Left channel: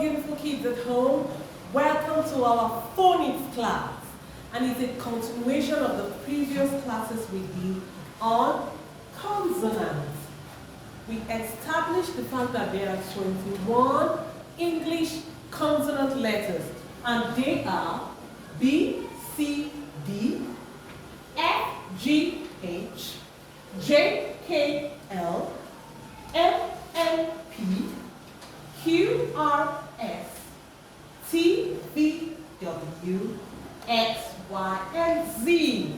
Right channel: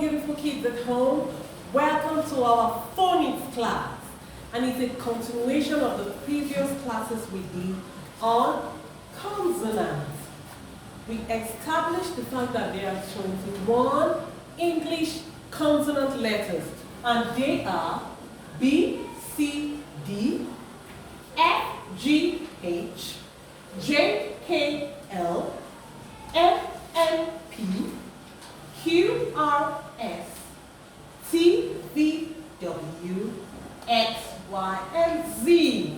beautiful kids at home. Welcome to our phonics class. And it's a continuation of the previous classes we did on consonants. We established the fact that there are 21 English consonant letters, and they are B, C, D, F, G, H, J, K, L, M, N, P, Q, R, S, T, V, W, X, Y, and Z.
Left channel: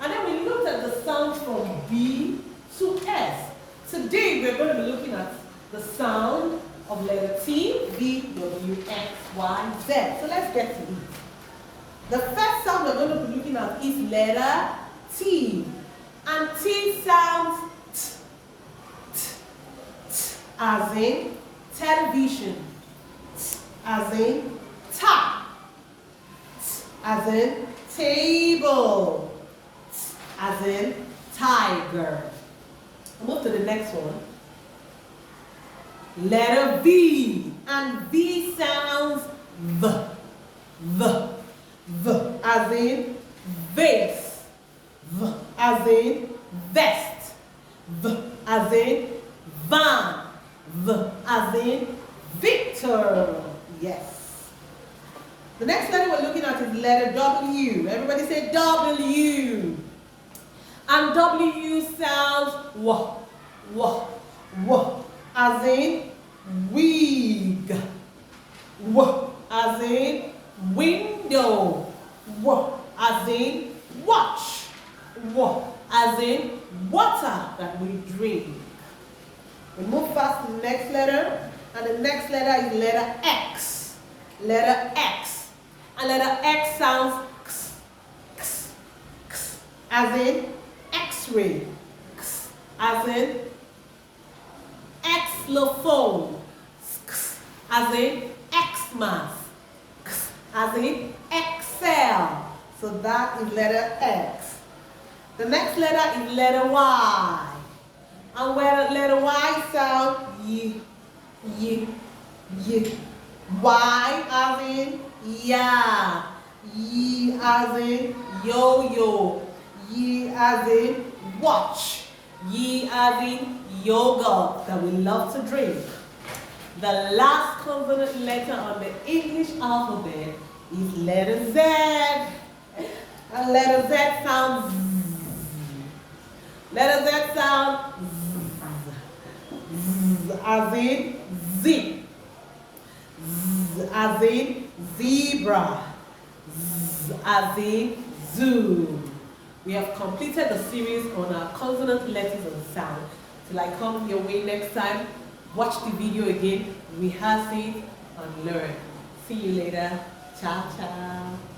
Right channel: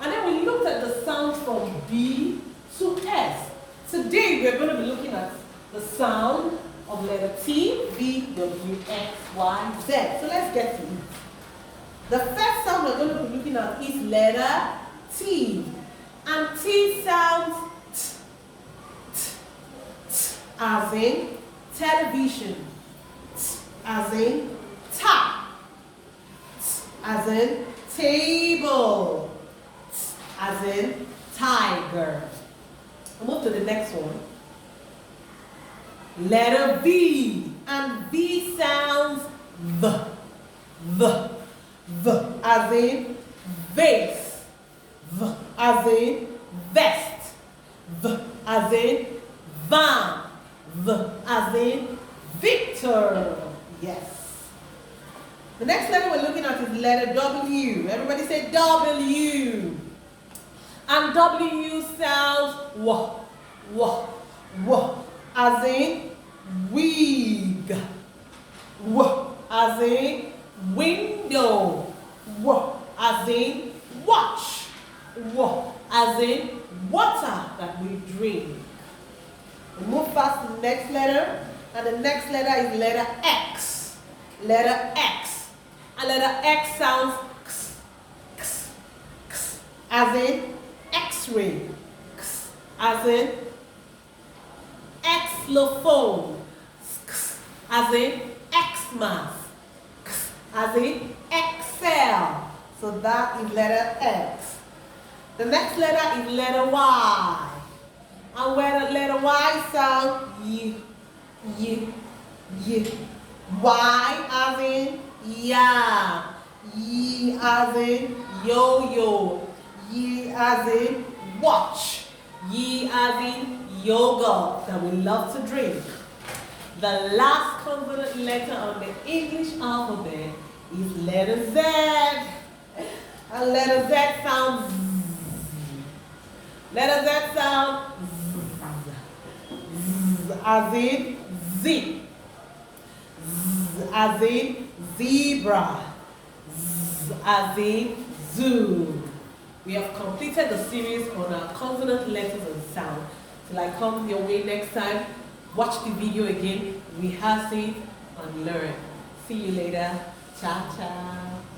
And then we looked at the sound from B to S. Today we're going to be looking at the sound of letter T, V, W, X, Y, Z. So let's get to it. The first sound we're going to be looking at is letter T. And T sounds T, T, T, as in television, T, as in tap, T, as in table, T, as in tiger. We'll move to the next one. Letter V. And V sounds V, as in vase, V, as in vest, V, as in van, V, as in Victor. Yes. The next letter we're looking at is letter W. Everybody say W. And W sounds w, as in wig, w, as in window, w, as in watch, w, as in water that we drink. We move past the next letter, and the next letter is letter X. Letter X. And letter X sounds x, x, x, as in X-ray, x, as in xylophone, x, as in Xmas, x, as in Excel. So that is letter X. The next letter is letter Y. And where the letter Y sounds y, y, y. Y as in yeah, y as in yo-yo, y as in watch, y as in yogurt that we love to drink. The last consonant letter on the English alphabet is letter Z. And letter Z sounds Z. Letter Z sounds Z, as in Z. Z as in zebra, Z as in zoo. We have completed the series on our consonant letters and sound. Till I come your way next time, watch the video again, rehearse it, and learn. See you later. Ciao, ciao.